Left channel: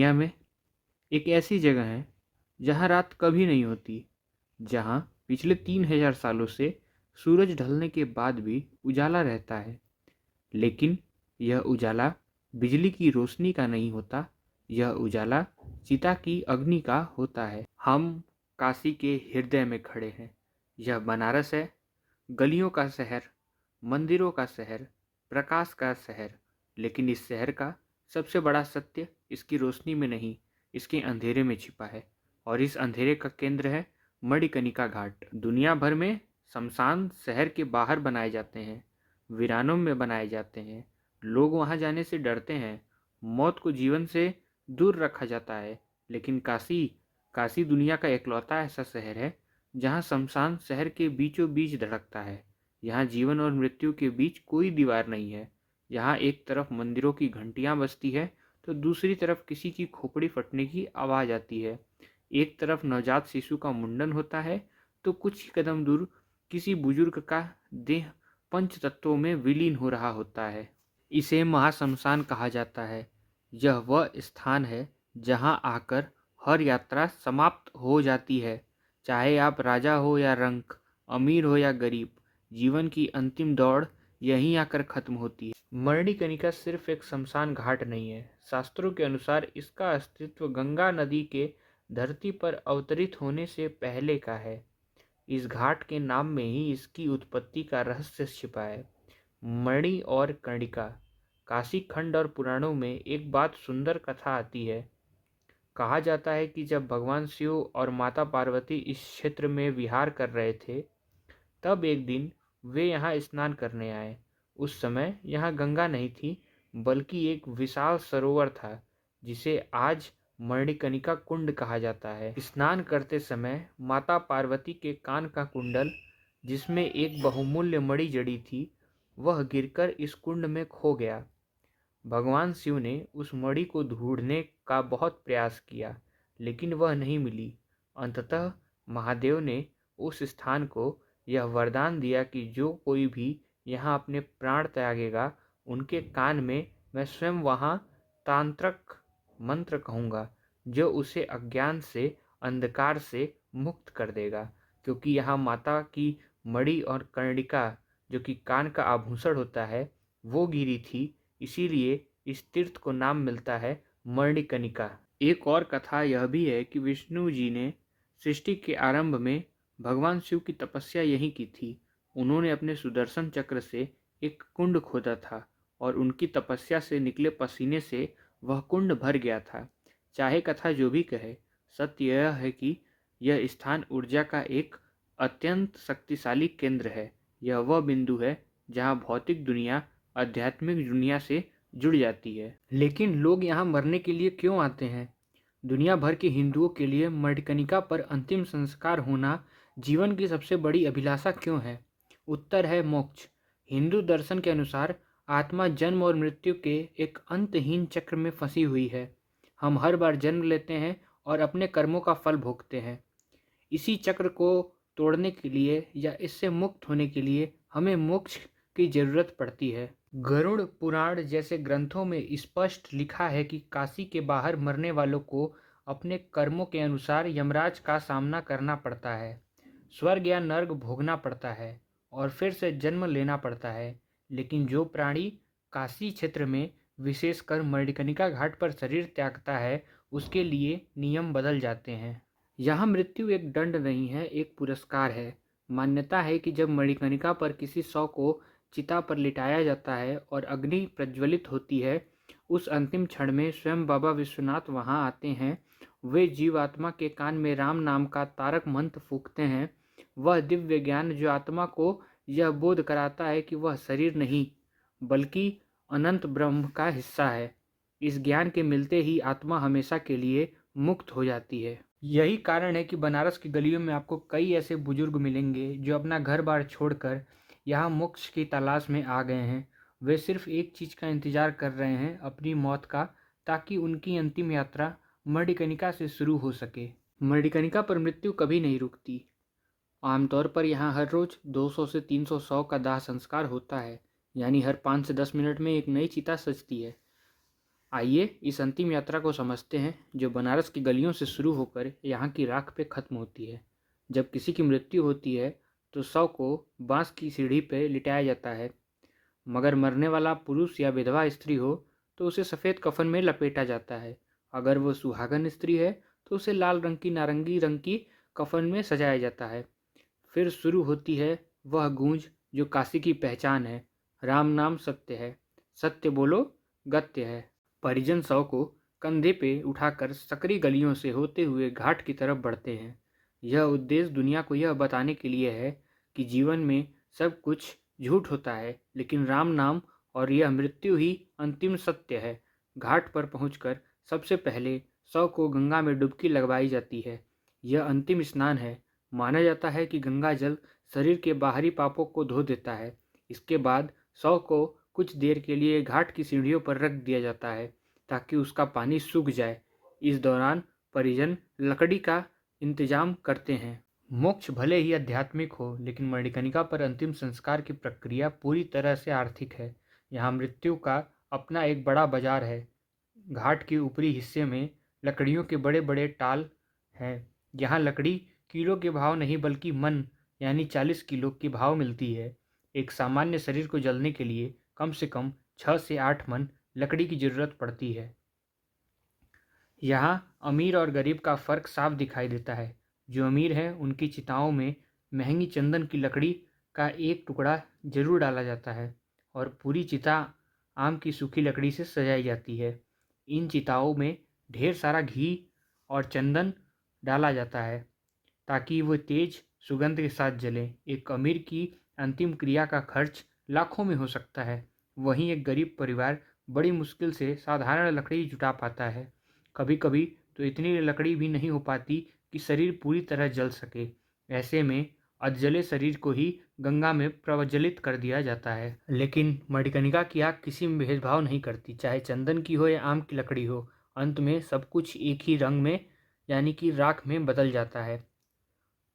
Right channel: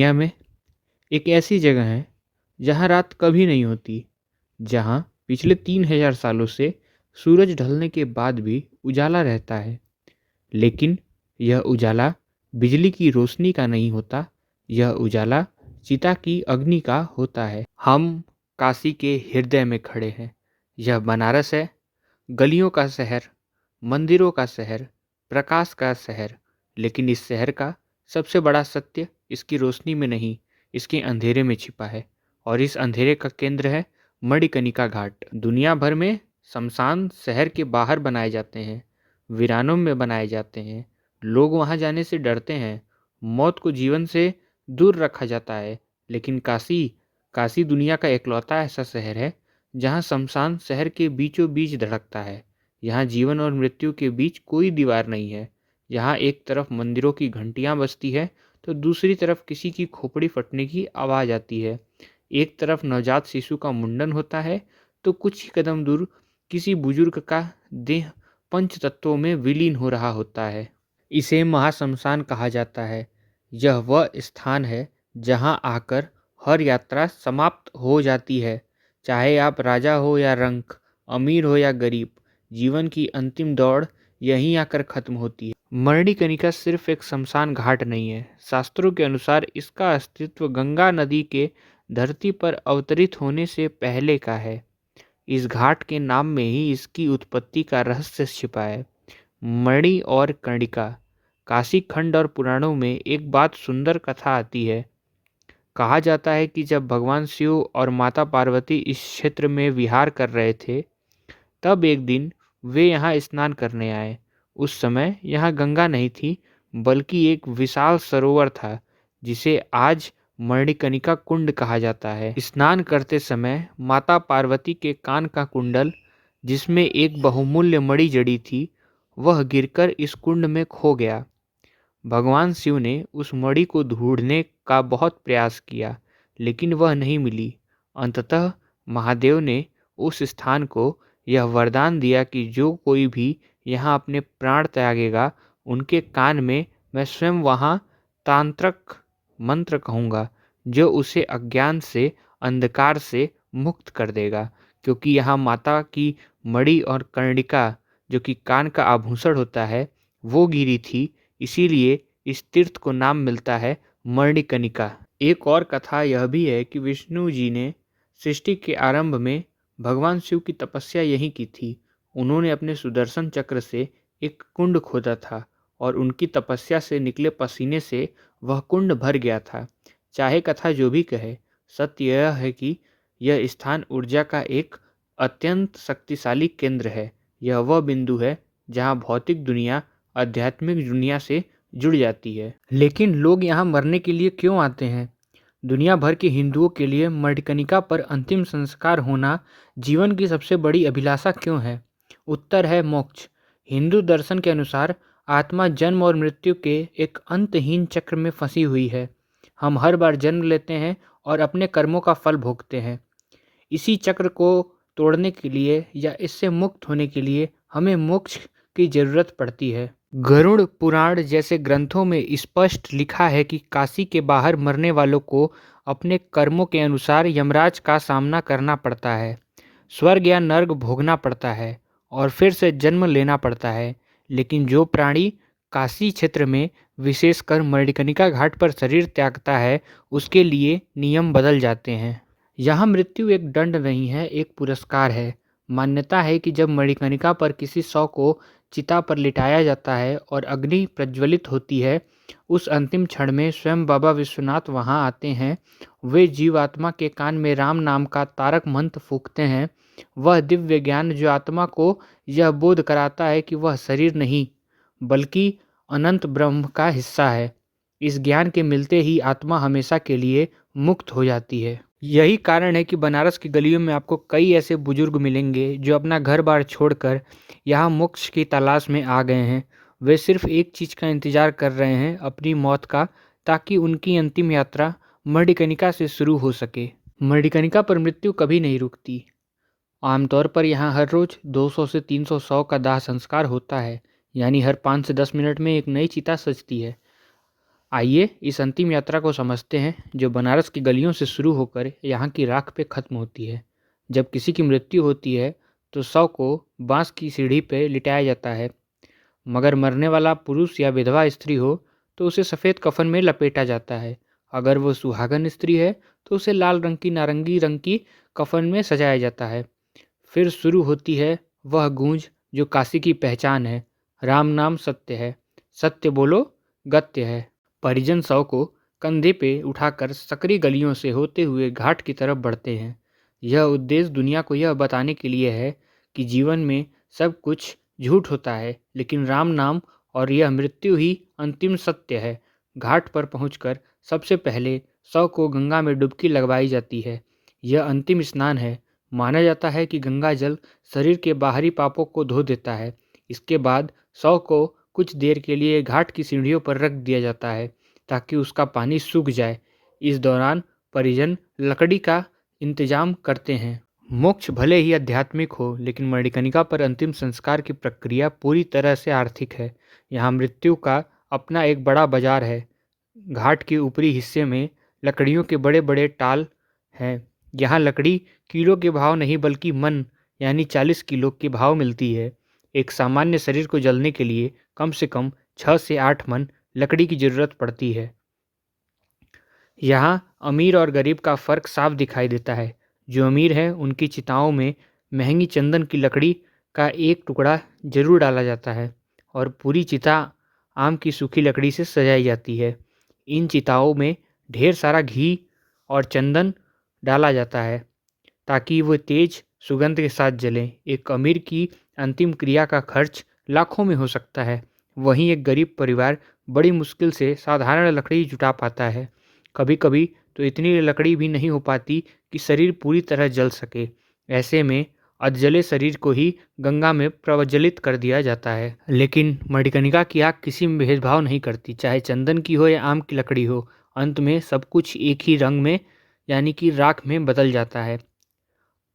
दुनिया में एक ऐसी जगह है जहाँ रात कभी नहीं होती, जहाँ पिछले 3000 सालों से सूरज ढलने के बाद भी उजाला रहता है। लेकिन यह उजाला बिजली की रोशनी का नहीं होता, यह उजाला चिता की अग्नि का होता है। हम काशी के हृदय में खड़े हैं। यह बनारस है, गलियों का शहर, मंदिरों का शहर, प्रकाश का शहर। लेकिन इस शहर का सबसे बड़ा सत्य इसकी रोशनी में नहीं, इसके अंधेरे में छिपा है। और इस अंधेरे का केंद्र है मणिकर्णिका घाट। दुनिया भर में शमशान शहर के बाहर बनाए जाते हैं, वीरानों में बनाए जाते हैं। लोग वहां जाने से डरते हैं, मौत को जीवन से दूर रखा जाता है। लेकिन काशी काशी दुनिया का एकलौता ऐसा शहर है जहाँ शमशान शहर के बीचों बीच धड़कता है। यहाँ जीवन और मृत्यु के बीच कोई दीवार नहीं है। यहाँ एक तरफ मंदिरों की घंटियाँ बजती है तो दूसरी तरफ किसी की खोपड़ी फटने की आवाज़ आती है। एक तरफ नवजात शिशु का मुंडन होता है तो कुछ ही कदम दूर किसी बुजुर्ग का देह पंच तत्वों में विलीन हो रहा होता है। इसे महाशमशान कहा जाता है। यह वह स्थान है जहाँ आकर हर यात्रा समाप्त हो जाती है। चाहे आप राजा हो या रंक, अमीर हो या गरीब, जीवन की अंतिम दौड़ यहीं आकर खत्म होती है। मणिकर्णिका सिर्फ एक शमशान घाट नहीं है। शास्त्रों के अनुसार इसका अस्तित्व गंगा नदी के धरती पर अवतरित होने से पहले का है। इस घाट के नाम में ही इसकी उत्पत्ति का रहस्य छिपा है। मणि और कर्णिका। काशी खंड और पुराणों में एक बात सुंदर कथा आती है। कहा जाता है कि जब भगवान शिव और माता पार्वती इस क्षेत्र में विहार कर रहे थे, तब एक दिन वे यहाँ स्नान करने आए। उस समय यहाँ गंगा नहीं थी, बल्कि एक विशाल सरोवर था जिसे आज मणिकर्णिका कुंड कहा जाता है। स्नान करते समय माता पार्वती के कान का कुंडल, जिसमें एक बहुमूल्य मणि जड़ी थी, वह गिरकर इस कुंड में खो गया। भगवान शिव ने उस मणि को ढूंढने का बहुत प्रयास किया, लेकिन वह नहीं मिली। अंततः महादेव ने उस स्थान को यह वरदान दिया कि जो कोई भी यहाँ अपने प्राण त्यागेगा, उनके कान में मैं स्वयं वहाँ तांत्रिक मंत्र कहूँगा, जो उसे अज्ञान से, अंधकार से मुक्त कर देगा। क्योंकि यहाँ माता की मणि और कर्णिका, जो कि कान का आभूषण होता है, वो गिरी थी, इसीलिए इस तीर्थ को नाम मिलता है मणिकर्णिका। एक और कथा यह भी है कि विष्णु जी ने सृष्टि के आरंभ में भगवान शिव की तपस्या यहीं की थी। उन्होंने अपने सुदर्शन चक्र से एक कुंड खोदा था और उनकी तपस्या से निकले पसीने से वह कुंड भर गया था। चाहे कथा जो भी कहे, सत्य यह है कि यह स्थान ऊर्जा का एक अत्यंत शक्तिशाली केंद्र है। यह वह बिंदु है जहाँ भौतिक दुनिया आध्यात्मिक दुनिया से जुड़ जाती है। लेकिन लोग यहाँ मरने के लिए क्यों आते हैं? दुनिया भर के हिंदुओं के लिए मणिकर्णिका पर अंतिम संस्कार होना जीवन की सबसे बड़ी अभिलाषा क्यों है? उत्तर है मोक्ष। हिंदू दर्शन के अनुसार आत्मा जन्म और मृत्यु के एक अंतहीन चक्र में फंसी हुई है। हम हर बार जन्म लेते हैं और अपने कर्मों का फल भोगते हैं। इसी चक्र को तोड़ने के लिए या इससे मुक्त होने के लिए हमें मोक्ष की जरूरत पड़ती है। गरुड़ पुराण जैसे ग्रंथों में स्पष्ट लिखा है कि काशी के बाहर मरने वालों को अपने कर्मों के अनुसार यमराज का सामना करना पड़ता है, स्वर्ग या नर्क भोगना पड़ता है और फिर से जन्म लेना पड़ता है। लेकिन जो प्राणी काशी क्षेत्र में, विशेषकर मणिकर्णिका घाट पर शरीर त्यागता है, उसके लिए नियम बदल जाते हैं। यहाँ मृत्यु एक दंड नहीं है, एक पुरस्कार है। मान्यता है कि जब मणिकर्णिका पर किसी शव को चिता पर लिटाया जाता है और अग्नि प्रज्वलित होती है, उस अंतिम क्षण में स्वयं बाबा विश्वनाथ वहां आते हैं। वे जीवात्मा के कान में राम नाम का तारक मंत्र फूंकते हैं। वह दिव्य ज्ञान जो आत्मा को यह बोध कराता है कि वह शरीर नहीं, बल्कि अनंत ब्रह्म का हिस्सा है। इस ज्ञान के मिलते ही आत्मा हमेशा के लिए मुक्त हो जाती है। यही कारण है कि बनारस की गलियों में आपको कई ऐसे बुजुर्ग मिलेंगे जो अपना घर बार छोड़कर यहाँ मोक्ष की तलाश में आ गए हैं। वे सिर्फ एक चीज़ का इंतज़ार कर रहे हैं, अपनी मौत का, ताकि उनकी अंतिम यात्रा मणिकर्णिका से शुरू हो सके। मणिकर्णिका पर मृत्यु कभी नहीं रुकती। आमतौर पर यहाँ हर रोज़ 200 से 300 शव का दाह संस्कार होता है, यानी हर 5 से 10 मिनट में एक नई चिता सजती है। आइए इस अंतिम यात्रा को समझते हैं जो बनारस की गलियों से शुरू होकर यहाँ की राख पे ख़त्म होती है। जब किसी की मृत्यु होती है तो शव को बांस की सीढ़ी पे लिटाया जाता है, मगर मरने वाला पुरुष या विधवा स्त्री हो तो उसे सफ़ेद कफन में लपेटा जाता है। अगर वो सुहागन स्त्री है तो उसे लाल रंग की नारंगी रंग की कफन में सजाया जाता है। फिर शुरू होती है वह गूंज जो काशी की पहचान है, राम नाम सत्य है, सत्य बोलो गत्य है। परिजन शव को कंधे पे उठाकर सकरी गलियों से होते हुए घाट की तरफ बढ़ते हैं। यह उद्देश्य दुनिया को यह बताने के लिए है कि जीवन में सब कुछ झूठ होता है, लेकिन राम नाम और यह मृत्यु ही अंतिम सत्य है। घाट पर पहुंचकर सबसे पहले शव को गंगा में डुबकी लगवाई जाती है। यह अंतिम स्नान है। माना जाता है कि गंगा जल शरीर के बाहरी पापों को धो देता है। इसके बाद शव को कुछ देर के लिए घाट की सीढ़ियों पर रख दिया जाता है ताकि उसका पानी सूख जाए। इस दौरान परिजन लकड़ी का इंतजाम करते हैं। मोक्ष भले ही आध्यात्मिक हो, लेकिन मणिकर्णिका पर अंतिम संस्कार की प्रक्रिया पूरी तरह से आर्थिक है। यहाँ मृत्यु का अपना एक बड़ा बाजार है। घाट के ऊपरी हिस्से में लकड़ियों के बड़े बड़े टाल हैं। यहाँ लकड़ी किलो के भाव नहीं बल्कि मन यानी 40 किलो के भाव मिलती है। एक सामान्य शरीर को जलने के लिए कम से कम 6 से 8 मन लकड़ी की ज़रूरत पड़ती है। यहाँ अमीर और गरीब का फ़र्क साफ दिखाई देता है। जो अमीर हैं उनकी चिताओं में महंगी चंदन की लकड़ी का एक टुकड़ा जरूर डाला जाता है और पूरी चिता आम की सूखी लकड़ी से सजाई जाती है। इन चिताओं में ढेर सारा घी और चंदन डाला जाता है ताकि वो तेज सुगंध के साथ जलें। एक अमीर की अंतिम क्रिया का खर्च लाखों में हो सकता है, वहीं एक गरीब परिवार बड़ी मुश्किल से साधारण लकड़ी जुटा पाता है। कभी कभी तो इतनी लकड़ी भी नहीं हो पाती कि शरीर पूरी तरह जल सके। ऐसे में अधजले शरीर को ही गंगा में प्रज्वलित कर दिया जाता है। लेकिन मणिकर्णिका की आग किसी में भेदभाव नहीं करती, चाहे चंदन की हो या आम की लकड़ी हो। अंत में सब कुछ एक ही रंग में यानी कि राख में बदल जाता है।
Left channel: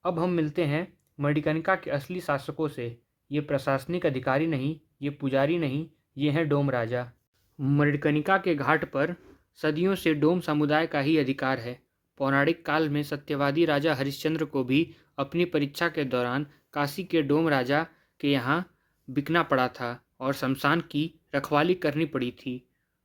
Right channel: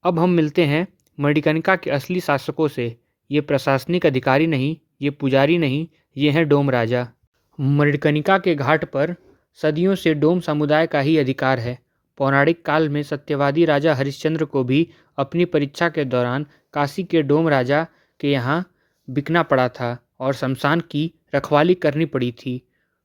अब हम मिलते हैं मणिकर्णिका के असली शासकों से। ये प्रशासनिक अधिकारी नहीं, ये पुजारी नहीं, ये हैं डोम राजा। मणिकर्णिका के घाट पर सदियों से डोम समुदाय का ही अधिकार है। पौराणिक काल में सत्यवादी राजा हरिश्चंद्र को भी अपनी परीक्षा के दौरान काशी के डोम राजा के यहाँ बिकना पड़ा था और शमशान की रखवाली करनी पड़ी थी।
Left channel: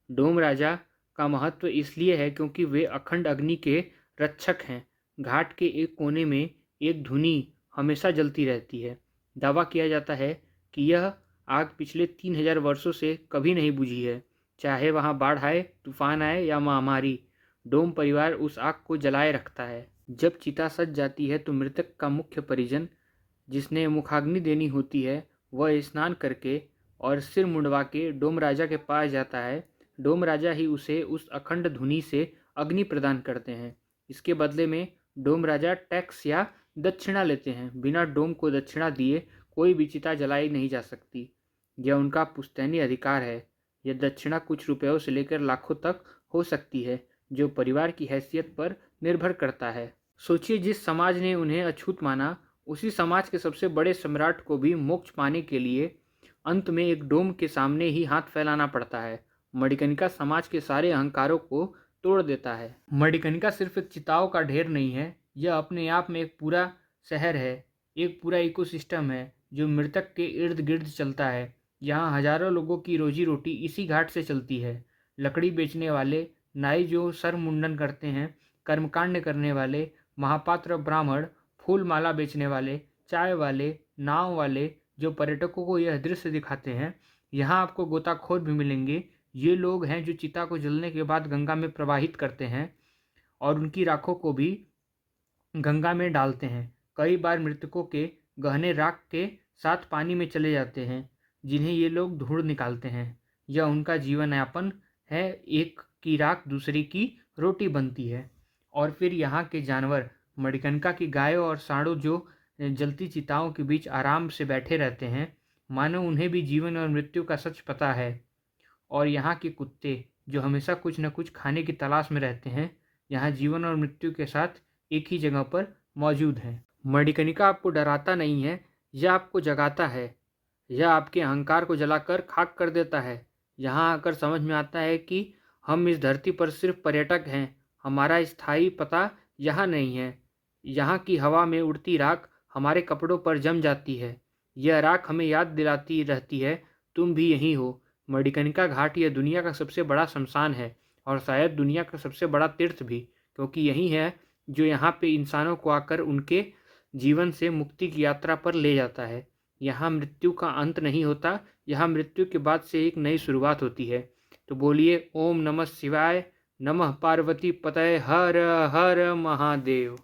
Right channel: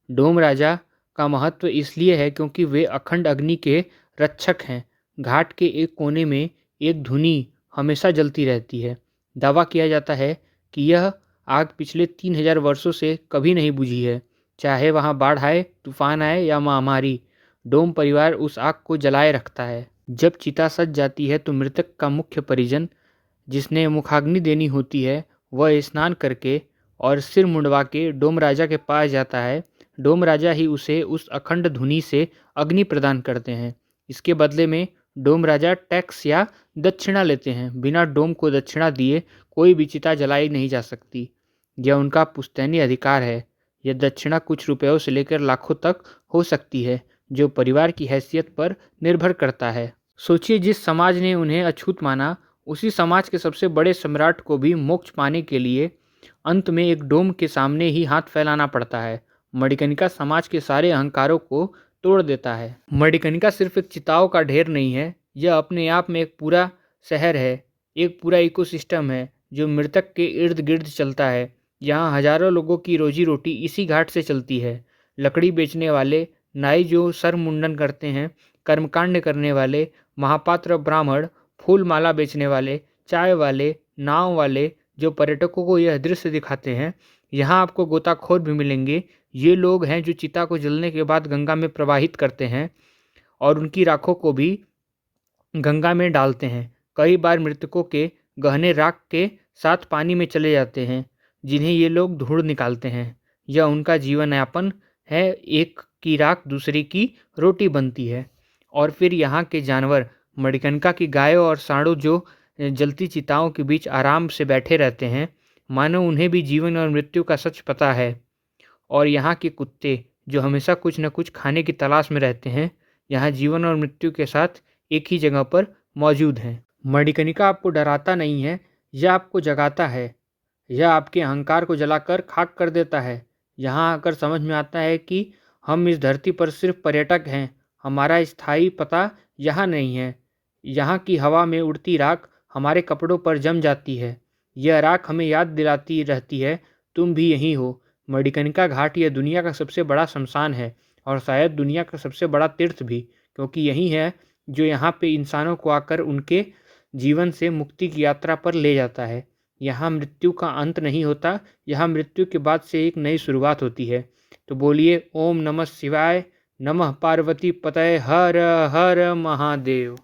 डोम राजा का महत्व इसलिए है क्योंकि वे अखंड अग्नि के रक्षक हैं। घाट के एक कोने में एक धुनी हमेशा जलती रहती है। दावा किया जाता है कि यह आग पिछले 3000 वर्षों से कभी नहीं बुझी है। चाहे वहाँ बाढ़ आए, तूफान आए या महामारी, डोम परिवार उस आग को जलाए रखता है। जब चिता सज जाती है तो मृतक का मुख्य परिजन, जिसने मुखाग्नि देनी होती है, वह स्नान करके और सिर मुंडवा के डोम राजा के पास जाता है। डोम राजा ही उसे उस अखंड धुनी से अग्नि प्रदान करते हैं। इसके बदले में डोम राजा टैक्स या दक्षिणा लेते हैं। बिना डोम को दक्षिणा दिए कोई भी चिता जलाई नहीं जा सकती। यह उनका पुश्तैनी अधिकार है। यह दक्षिणा कुछ रुपयों से लेकर लाखों तक हो सकती है, जो परिवार की हैसियत पर निर्भर करता है। सोचिए, जिस समाज ने उन्हें अछूत माना, उसी समाज के सबसे बड़े सम्राट को भी मोक्ष पाने के लिए अंत में एक डोम के सामने ही हाथ फैलाना पड़ता है। मणिकर्णिका समाज के सारे अहंकारों को तोड़ देता है। मणिकर्णिका सिर्फ एक चिताओं का ढेर नहीं है, यह अपने आप में एक पूरा शहर है, एक पूरा इकोसिस्टम है जो मृतक के इर्द गिर्द चलता है। यहाँ हजारों लोगों की रोजी रोटी इसी घाट से चलती है। लकड़ी बेचने वाले, नाई जो सर मुंडन करते हैं, कर्मकांड करने वाले, महापात्र ब्राह्मण, फूल माला बेचने वाले, चाय वाले, नाव वाले जो पर्यटकों को यह दृश्य दिखाते हैं। यहाँ आपको गोताखोर भी मिलेंगे। ये लोग हैं जो चिता को जलने के बाद गंगा में प्रवाहित करते हैं और उनकी राखों को भी गंगा में डालते हैं। कई बार मृतकों के गहने राख के साथ पानी में चले जाते हैं, जिन्हें ये लोग ढूंढ निकालते हैं। यह उनका जीवन यापन है। एक की राख दूसरी की रोटी बनती है। और फिर यहाँ के जानवर, मणिकर्णिका की गायों और सांडों जो जलती चिताओं के बीच आराम से बैठे रहते हैं, मानो उन्हें भी जीवन और मृत्यु का सच पता है। और यहाँ के कुत्ते जो हमेशा कुछ न कुछ खाने की तलाश में रहते हैं, यहाँ जीवन और मृत्यु के साथ एक ही जगह पर मौजूद हैं। मणिकर्णिका आपको डराता नहीं है, यह आपको जगाता है। यह आपके अहंकार को जलाकर खाक कर देता है। यहाँ आकर समझ में आता है कि हम इस धरती पर सिर्फ पर्यटक हैं। हमारा स्थायी पता यहाँ नहीं है। यहाँ की हवा में उड़ती राख हमारे कपड़ों पर जम जाती है। यह राख हमें याद दिलाती रहती है, तुम भी यहीं हो। मणिकर्णिका घाट यह दुनिया का सबसे बड़ा शमशान है, और शायद दुनिया का सबसे बड़ा तीर्थ भी, क्योंकि यही है जो यहाँ पे इंसानों को आकर उनके जीवन से मुक्ति की यात्रा पर ले जाता है। यहाँ मृत्यु का अंत नहीं होता, यहाँ मृत्यु के बाद से एक नई शुरुआत होती है। तो बोलिए ओम नमः शिवाय, नमः पार्वती पतये, हर हर महादेव।